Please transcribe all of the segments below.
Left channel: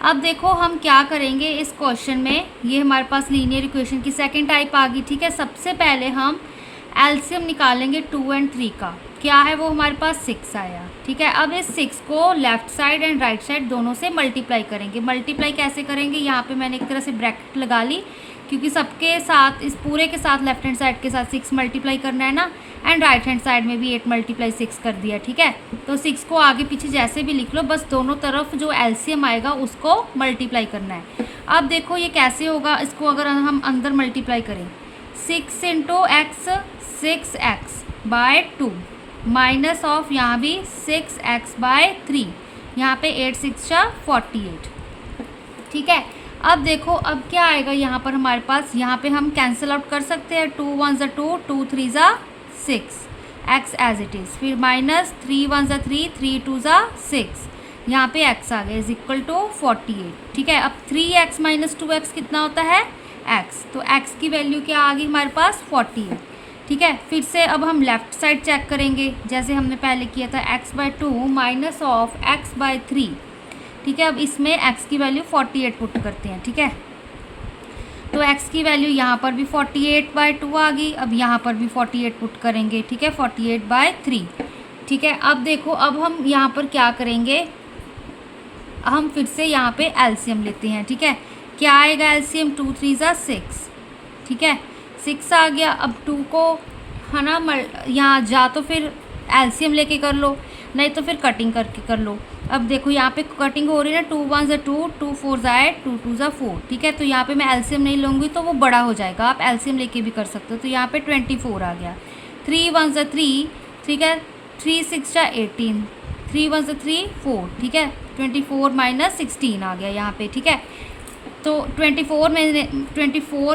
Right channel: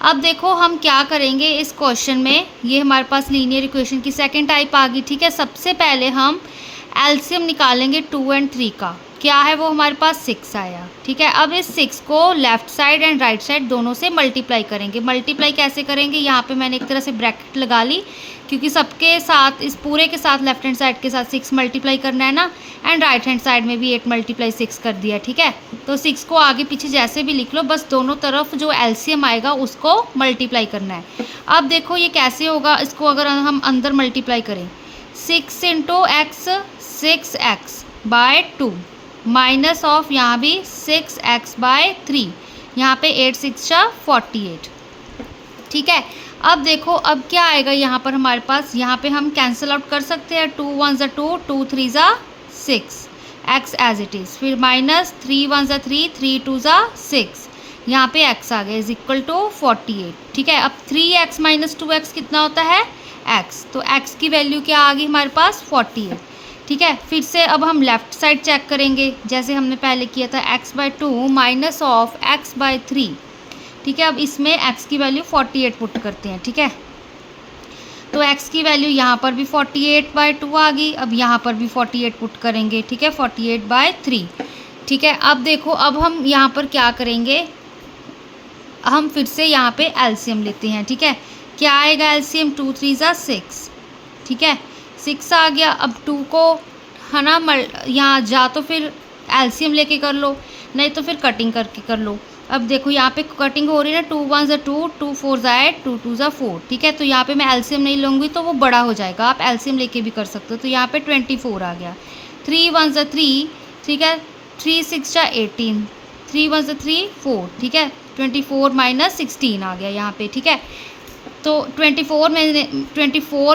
अब देखो हम क्या करेंगे इस क्वेश्चन में, ये हमारे पास लीनियर इक्वेशन की सेकंड टाइप आ गई, ठीक है। सबसे पहले हम एलसीएम निकालेंगे 2 और 3 का, क्या है वो हमारे पास 6 आया, ठीक है। अब इस 6 को left side and right side दोनों से मल्टीप्लाई करेंगे। मल्टीप्लाई कैसे करेंगे, यहाँ पे मैंने एक तरह से ब्रैकेट लगा ली, क्योंकि सबके साथ, इस पूरे के साथ लेफ्ट हैंड साइड के साथ 6 मल्टीप्लाई करना है ना, एंड राइट हैंड साइड में भी 8 मल्टीप्लाई 6 कर दिया, ठीक है। तो 6 को आगे पीछे जैसे भी लिख लो, बस दोनों तरफ जो एलसीएम आएगा उसको मल्टीप्लाई करना है। अब देखो ये कैसे होगा, इसको अगर हम अंदर मल्टीप्लाई करें, 6 into x 6x by 2 minus of यहाँ भी 6x बाय 3, यहाँ पे 8 6 48, ठीक है। अब देखो अब क्या आएगा यहाँ पर हमारे पास, यहाँ पे हम कैंसिल आउट कर सकते हैं, 2 1 ज़ा 2, 2 3 ज़ा 6, x एज इट इज़, फिर माइनस 3 1 ज़ा 3, 3 2 ज़ा 6, यहाँ पे x आ गया इज इक्वल टू 48, ठीक है। अब 3x माइनस 2x कितना होता है x, तो x की वैल्यू क्या आ गई हमारे पास 48, ठीक है। फिर से अब हम लेफ़्ट साइड चेक करेंगे जैसे हमने पहले किया था, x by 2 minus of x by 3, ठीक है। अब इसमें x की वैल्यू 48 पुट करते हैं, ठीक है। तो x की वैल्यू यहाँ पर भी 48/2 आ गई, अब यहाँ पर भी 48 पुट करेंगे, ठीक है, 48/3, ठीक है। अब देखो अब हम यहाँ पर क्या करेंगे, हम फिर से यहाँ पे एलसीएम लेते हैं, ठीक है। क्या आएगा एलसीएम, 2 3 ज़ा 6, ठीक है, 6 आ गया। अब 2 को है ना यहाँ जा तो फिर एलसीएम लेके कर लो, नहीं तो फिर कटिंग करके कर लो। अब देखो यहाँ पे कटिंग हो रही है ना, 2 1 ज़ा 2, 2 4 ज़ा 8, 2 2 ज़ा 4, ठीक है। तो यहाँ पे मैं एलसीएम नहीं लूँगी तो वो बड़ा हो जाएगा, आप एलसीएम लेके भी कर सकते हो। तो यहाँ पे 24 आ गया, 3 1 ज़ा 3, ठीक है, 3 6 ज़ा 18, 3 1 ज़ा 3 4, ठीक है, 24 माइनस 16 आ गया यहाँ पे, ठीक है। तो 24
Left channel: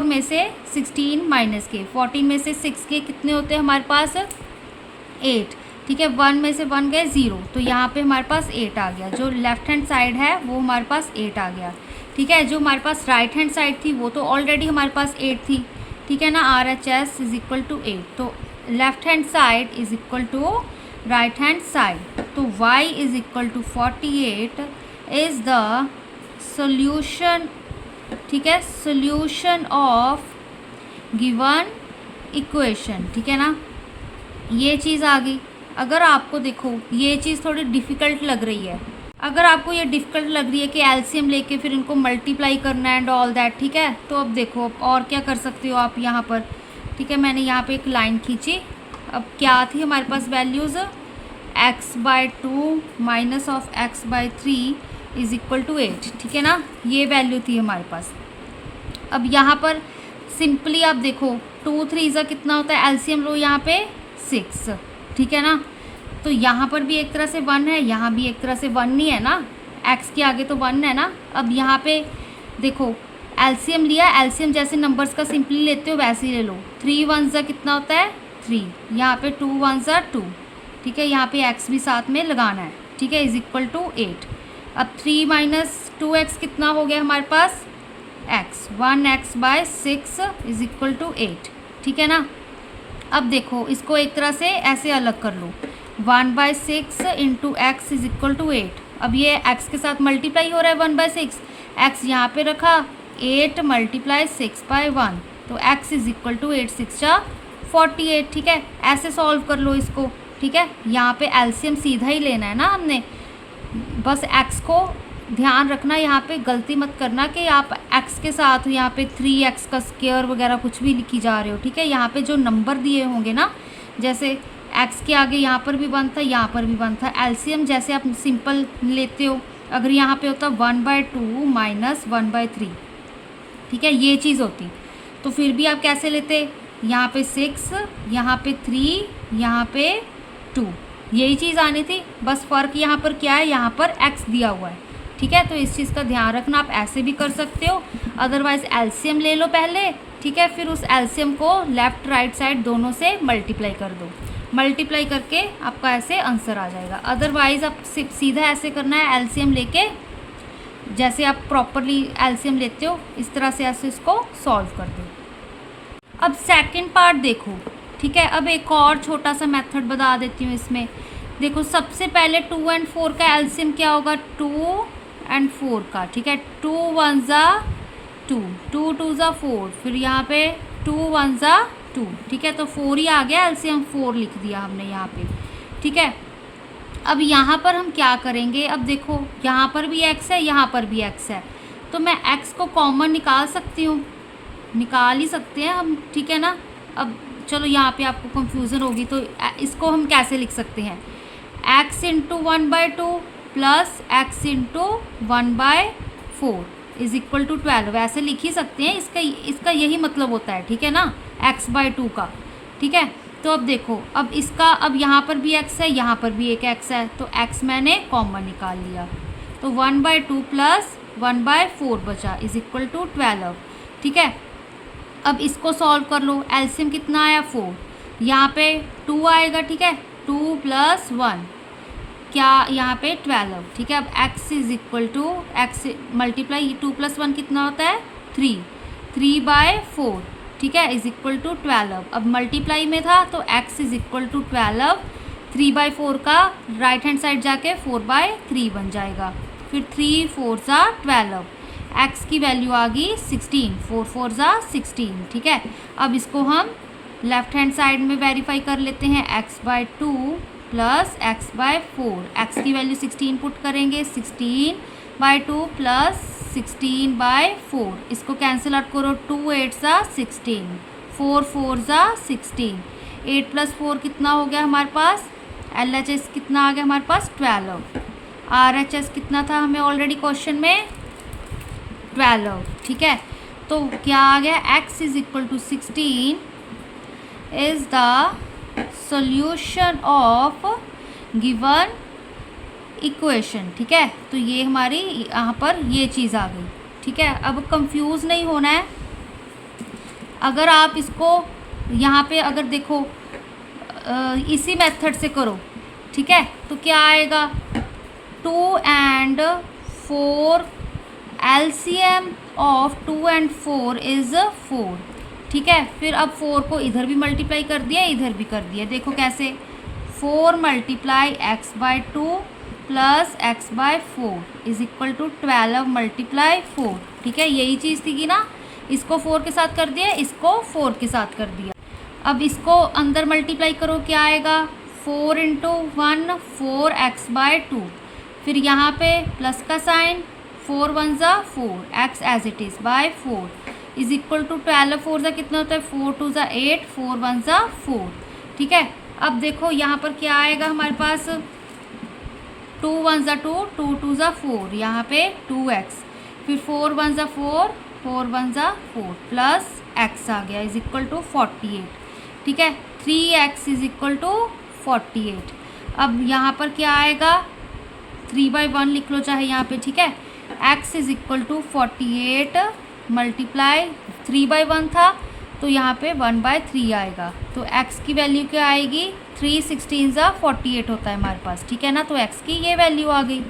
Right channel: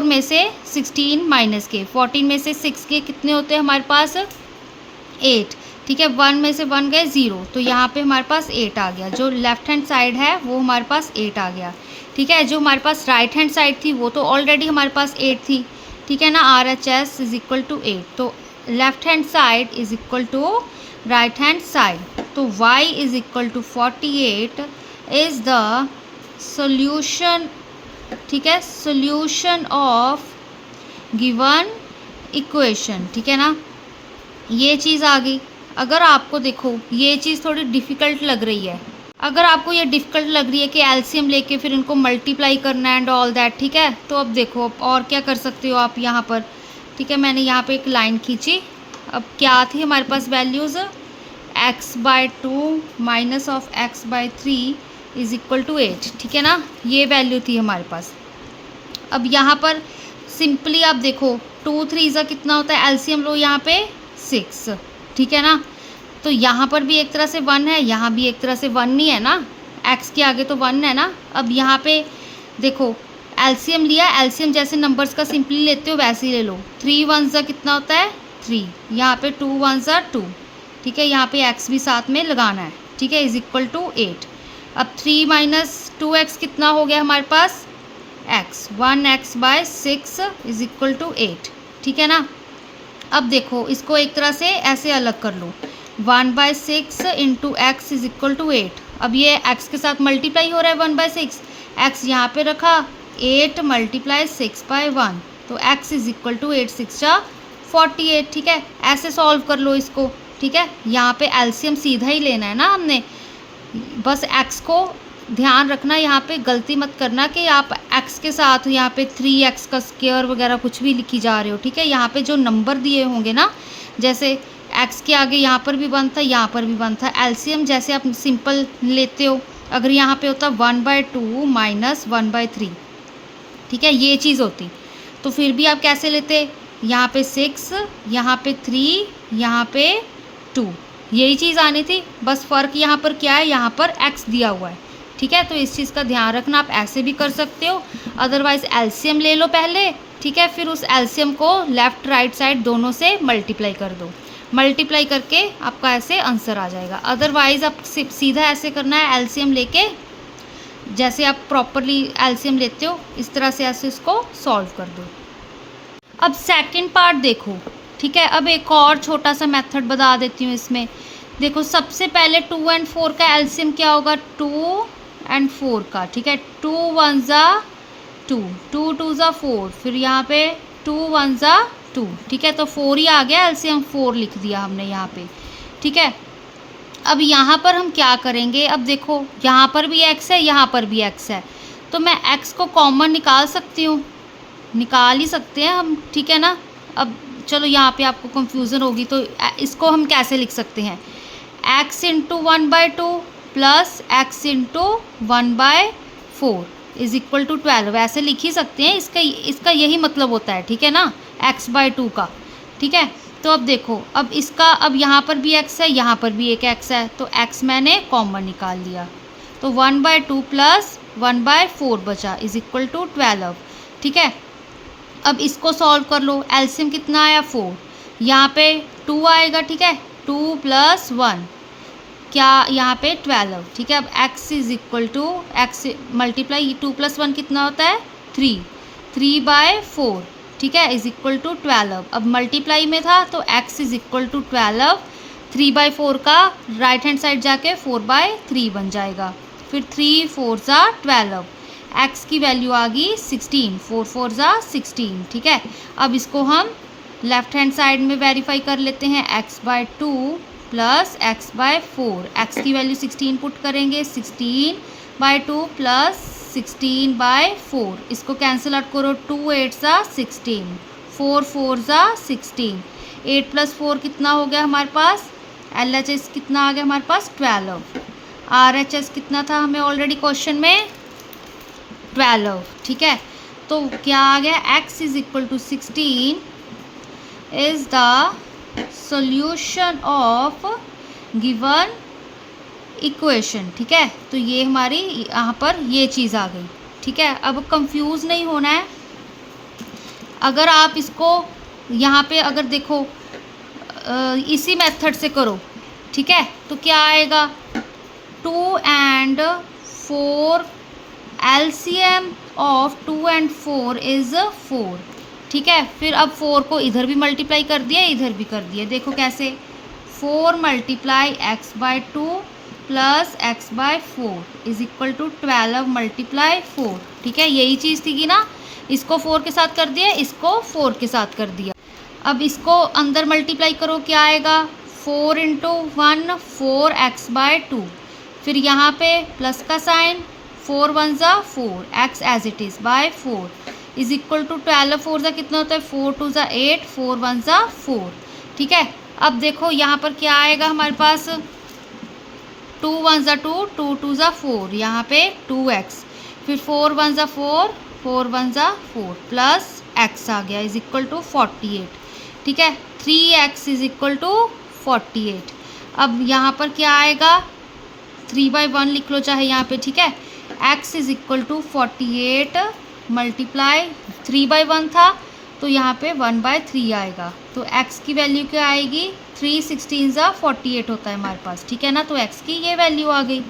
में से 16 माइनस के, 14 में से 6 के कितने होते हैं हमारे पास 8, ठीक है। 1 में से 1 गए 0, तो यहाँ पे हमारे पास 8 आ गया। जो लेफ़्ट हैंड साइड है वो हमारे पास 8 आ गया, ठीक है। जो हमारे पास राइट हैंड साइड थी वो तो ऑलरेडी हमारे पास 8 थी, ठीक है ना। RHS इज इक्वल टू 8, तो left hand side is equal to right hand side, तो y is equal to 48 is the solution, ठीक है, सोल्यूशन ऑफ गिवन इक्वेशन, ठीक है ना। ये चीज़ आ गई। अगर आपको देखो ये चीज़ थोड़ी डिफ़िकल्ट लग रही है, अगर आपको ये डिफ़िकल्ट लग रही है कि एलसीएम लेके फिर इनको मल्टीप्लाई करना है एंड ऑल दैट, ठीक है, तो अब देखो अब और क्या कर सकते हो आप यहाँ पर, ठीक है। मैंने यहाँ पे एक लाइन खींची, अब क्या थी हमारे पास values, x by 2 minus of x by 3 is equal to 8, ठीक है ना, ये वैल्यू थी हमारे पास। अब यहाँ पर सिंपली आप देखो 2 3 ज़ा कितना होता है, एलसीएम लो यहाँ पे 6, ठीक है ना। तो यहाँ पर भी एक तरह से 1 है, यहाँ भी एक तरह से 1 नहीं है ना, x के आगे तो 1 है ना। अब यहाँ पे देखो एलसीएम लिया, एलसीएम जैसे नंबर्स का सिंपली लेते हो वैसे ही ले लो, 3 1 ज़ा कितना होता है 3, यहाँ पे 2 1 ज़ा 2, ठीक है, यहाँ पे x भी साथ में लगाना है, ठीक है, इज इक्वल टू 8। अब 3 माइनस 2x कितना हो गया हमारे पास x, 1x by 6 is equal to 8, ठीक है ना। अब देखो इसको एक तरह से ऐसे अलग कर लो, 1/6 into x is equal to 8। अब ये x के साथ मल्टीप्लाई हो रहा है 1/6, x यहाँ पे रखा, 8 मल्टीप्लाई 6/1, तो x इज इक्वल टू 8 6 48, ठीक है। ऐसे सॉल्व कर लो इसको, ठीक है। यहाँ पे एलसीएम सीधा ही लेना है ना हमने, बस x को ध्यान रखना, यहाँ पे गलती मत करना कि आप x के साथ यहाँ पे 3x का स्क्वायर वगैरह कुछ भी लिखी जा रहे हो, ठीक है। यहाँ पे जो नंबर दिए होंगे ना, जैसे x के आगे यहाँ पर भी 1 था, यहाँ पर भी 1 था, एलसीएम जैसे आप सिंपल लेते हो, अगर यहाँ पे होता 1/2 माइनस 1/3, ठीक है, ये चीज़ होती, तो फिर भी आप कैसे लेते, यहाँ पे 6, यहाँ पे 3, यहाँ पे 2, यही चीज़ आनी थी। बस फ़र्क यहाँ पर क्या है, यहाँ पर x दिया हुआ है, ठीक है। तो इस चीज़ का ध्यान रखना, आप ऐसे भी कर सकते हो, अदरवाइज़ एलसीएम ले लो पहले, ठीक है, फिर उस एलसीएम को लेफ़्ट राइट साइड दोनों से मल्टीप्लाई कर दो, मल्टीप्लाई करके आपका ऐसे आंसर आ जाएगा। अदरवाइज़ आप सीधा ऐसे करना है, एलसीएम लेके जैसे आप प्रॉपरली एलसीएम लेते हो इस तरह से ऐसे इसको सॉल्व कर दो। अब सेकंड पार्ट देखो, ठीक है। अब एक और छोटा सा मेथड बता देती हूँ इसमें। देखो सबसे पहले 2 और 4 का एलसीएम क्या होगा, 2 एंड 4 का, ठीक है। 2 1 ज़ा 2, 2 2 ज़ा 4, फिर यहाँ पे 2 1 ज़ा 2, ठीक है। तो 4 ही आ गया, एलसीएम 4 लिख दिया हमने यहाँ पे, ठीक है। अब यहाँ पर हम क्या करेंगे, अब देखो यहाँ पर भी x है, यहाँ पर भी x है, तो मैं x को कॉमन निकाल सकती हूँ, निकाल ही सकते हैं हम, ठीक है ना। अब चलो यहाँ पे आपको कंफ्यूजन होगी, तो इसको हम कैसे लिख सकते हैं, x into 1/2 plus x into 1/4 is equal to 12, ऐसे लिख ही सकते हैं। इसका यही मतलब होता है, ठीक है ना, x/2 का, ठीक है। तो अब देखो, अब इसका, अब यहाँ पर भी x है, यहाँ पर भी एक x है, तो x मैंने कॉमन निकाल लिया, तो 1/2 प्लस 1/4 बचा इज इक्वल टू 12, ठीक है। अब इसको सॉल्व कर लो, एलसीएम कितना आया 4, यहाँ पे 2 आएगा, ठीक है, 2 + 1 क्या यहाँ पे 12, ठीक है। अब x is equal to x multiply 2 + 1 कितना होता है 3, 3/4, ठीक है, इज इक्वल टू 12। अब मल्टीप्लाई में था तो x इज इक्वल टू 12, 3/4 का राइट हैंड साइड जाके 4/3 बन जाएगा, फिर 3 4 ज़ा 12, x की वैल्यू आ गई 16, 4 4 ज़ा 16, ठीक है। अब इसको हम लेफ्ट हैंड साइड में वेरीफाई कर लेते हैं, x/2 प्लस x/4, x की वैल्यू 16 पुट करेंगे, 16/2 प्लस 16/4, इसको कैंसिल आउट करो, 2 8 ज़ा 16, 4 4 ज़ा 16, 8 + 4 कितना हो गया हमारे पास, LHS कितना आ गया हमारे पास 12, RHS कितना था हमें ऑलरेडी क्वेश्चन में 12, ठीक है। तो क्या आ गया, x is equal to 16 is the solution of given equation, ठीक है। तो ये हमारी यहाँ पर ये चीज़ आ गई, ठीक है। अब कंफ्यूज नहीं होना है, अगर आप इसको यहाँ पे अगर देखो इसी मेथड से करो, ठीक है, तो क्या आएगा, 2 and 4 LCM of 2 and 4 is 4, ठीक है। फिर अब 4 को इधर भी मल्टीप्लाई कर दिया, इधर भी कर दिया, देखो कैसे, 4 × x/2 plus x/4 is equal to 12 × 4, ठीक है। यही चीज़ थी कि ना, इसको 4 के साथ कर दिया, इसको 4 के साथ कर दिया। अब इसको अंदर मल्टीप्लाई करो, क्या आएगा, 4 × 1 4x/2, फिर यहाँ पे प्लस का साइन, 4 1 ज़ा 4, x as it is by 4 is equal to 12 4 ज़ा कितना होता है, 4 2 ज़ा 8, 4 1 ज़ा 4, ठीक है। अब देखो यहाँ पर क्या आएगा हमारे पास, 2 1 ज़ा 2, 2 2 ज़ा 4, यहाँ पे 2x, फिर 4 1 ज़ा 4, 4 1 ज़ा 4 प्लस x आ गया इज इक्वल टू 48, ठीक है। 3x is equal to 48। अब यहाँ पर क्या आएगा, 3/1 लिख लो चाहे यहाँ पे, ठीक है। x is equal to 48 multiply 3/1 था, तो यहाँ पे 1/3 आएगा, तो x की वैल्यू क्या आएगी, 3 16 ज़ा 48 होता है हमारे पास, ठीक है ना। तो x की ये वैल्यू आ गई,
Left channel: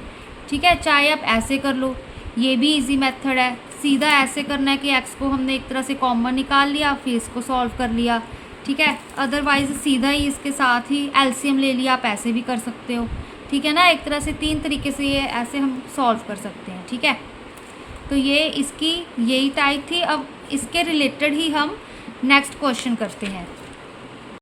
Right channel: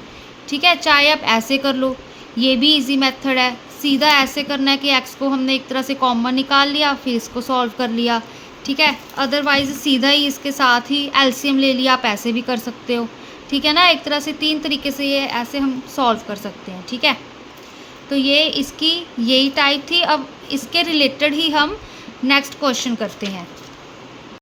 ठीक है। चाहे आप ऐसे कर लो, ये भी इजी मेथड है, सीधा ऐसे करना है कि x को हमने एक तरह से कॉमन निकाल लिया, फिर इसको सॉल्व कर लिया, ठीक है। अदरवाइज़ सीधा ही इसके साथ ही एलसीएम ले लिया, आप ऐसे भी कर सकते हो, ठीक है ना। एक तरह से 3 तरीके से ये ऐसे हम सॉल्व कर सकते हैं, ठीक है। तो ये इसकी यही टाइप थी। अब इसके रिलेटेड ही हम नेक्स्ट क्वेश्चन करते हैं।